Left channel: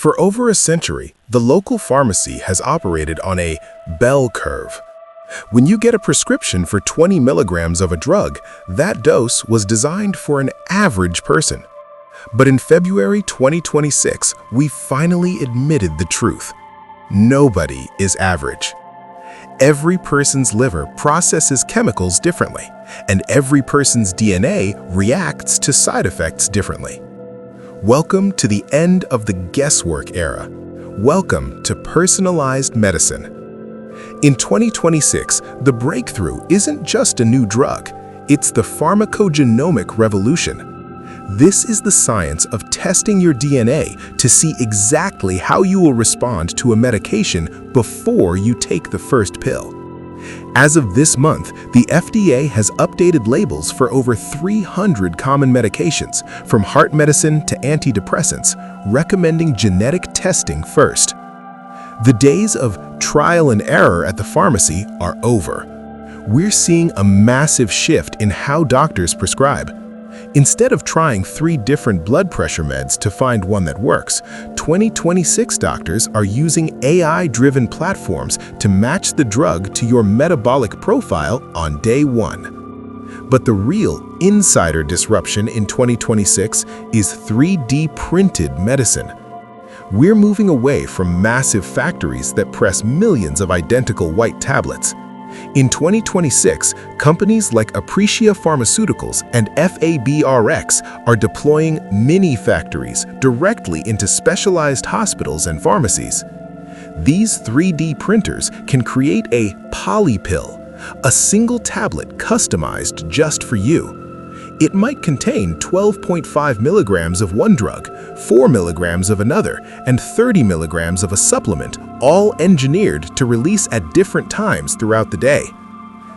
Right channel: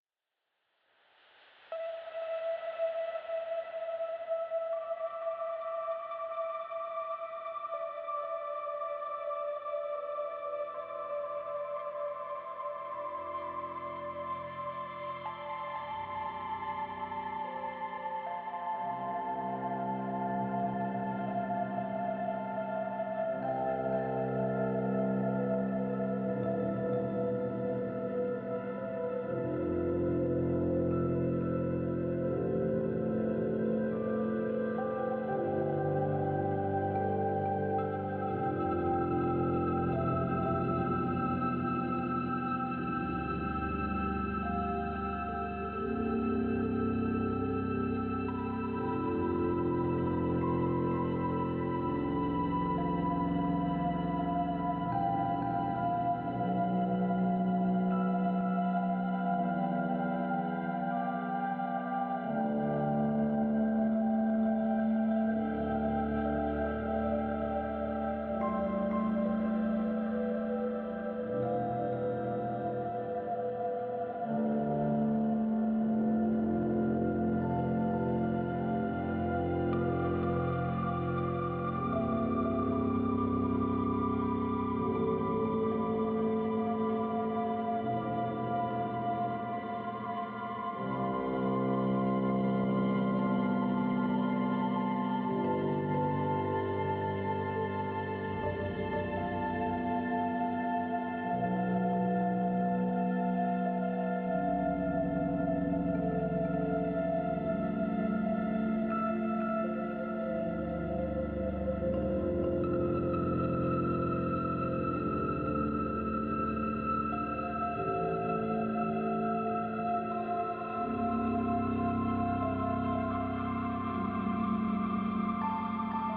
For over a century, the local pharmacy has operated on a bell curve. When you get a prescription for 20 milligrams of a drug, that dose was designed for an average person. But in February 2026, we finally admitted the truth. Nobody is average. Every person's liver processes chemicals differently, and every person's DNA reacts to side effects differently. Welcome to the end of the guesswork era. Welcome to personalized medicine. In 2026, the breakthrough isn't just a new drug, it's the pharmacogenomic revolution. This is the science of testing your DNA to see exactly how you will respond to a medication before you take the first pill. As of this month, the FDA has updated labels for over 300 common medications, from heart medicine to antidepressants, recommending genetic testing first. The days of trial and error at the pharmacy are over. We're seeing a massive shift in how doctors prescribe. Instead of trying 3 different blood pressure meds to find one that works, 2026 doctors are using AI-driven platforms to match the drug to your metabolic profile on day 1. But the real insider disruption in 2026 is 3D printed medicine. We're moving away from massive factories that press millions of identical white tablets. In 2026, companies like Aprecia Pharmaceuticals and FABRX are deploying mini-factories directly into specialized hospitals and pharmacies. These 3D printers can create a polypill, a single tablet customized just for you. It might contain 12.5 milligrams of one drug, 4 milligrams of another, and 30 milligrams of a supplement, all engineered to release at different times throughout the day.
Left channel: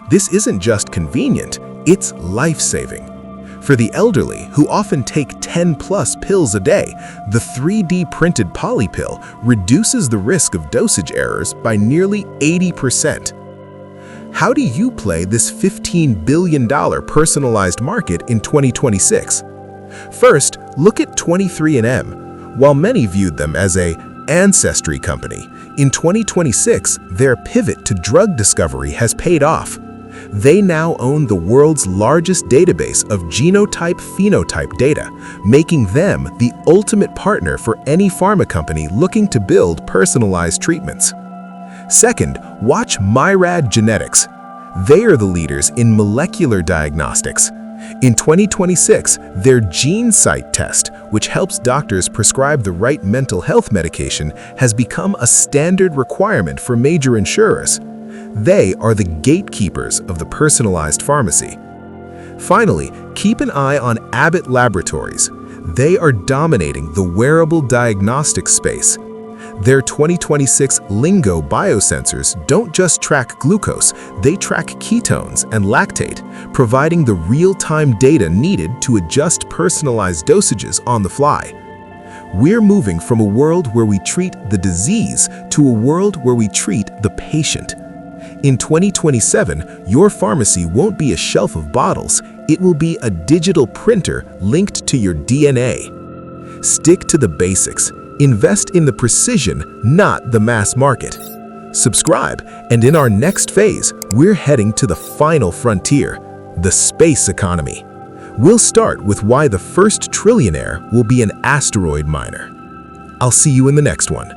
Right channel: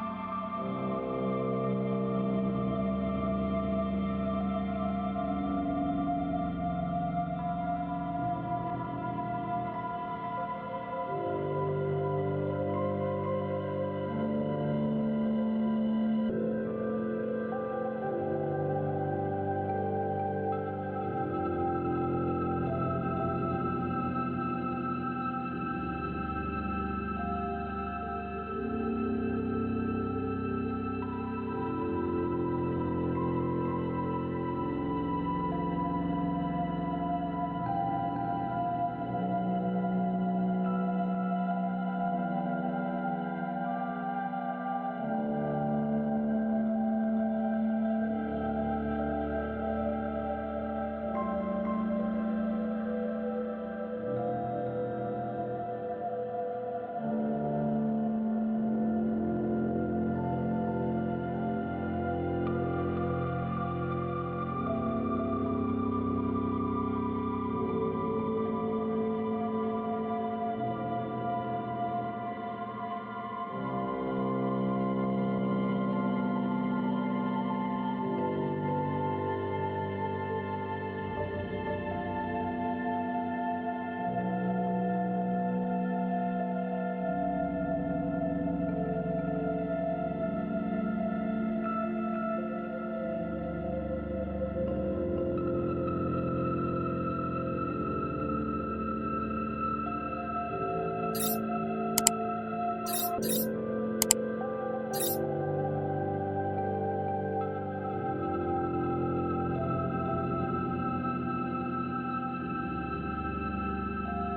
This isn't just convenient, it's life-saving. For the elderly, who often take 10+ pills a day, the 3D printed polypill reduces the risk of dosage errors by nearly 80%. How do you play this $15 billion personalized market in 2026? First, look at 23andMe. While many viewed them as an ancestry company, in 2026, their pivot to drug discovery has paid off. They now own the world's largest database of genotype-phenotype data, making them the ultimate partner for any pharma company looking to build personalized treatments. Second, watch Myriad Genetics. They are the leaders in molecular diagnostics. In 2026, their GeneSight test, which helps doctors prescribe the right mental health medication, has become a standard requirement for major insurers. They are the gatekeepers of the personalized pharmacy. Finally, keep an eye on Abbott Laboratories. They are dominating the wearable diagnostic space. Their 2026 Lingo biosensors don't just track glucose, they track ketones and lactate, providing the real-time data needed to adjust personalized dosages on the fly. We're moving from a world where we treat the disease to a world where we treat the patient. In 2027, your pharmacy won't be a shelf of bottles, it will be a digital printer linked to your DNA. Stick to the basics. Invest in the precision, not the mass market. Subscribe, and in our next phase, we're heading to the final frontier, the space economy. We'll start with why the first trillionaire will be an asteroid miner. I'll see you in the next one.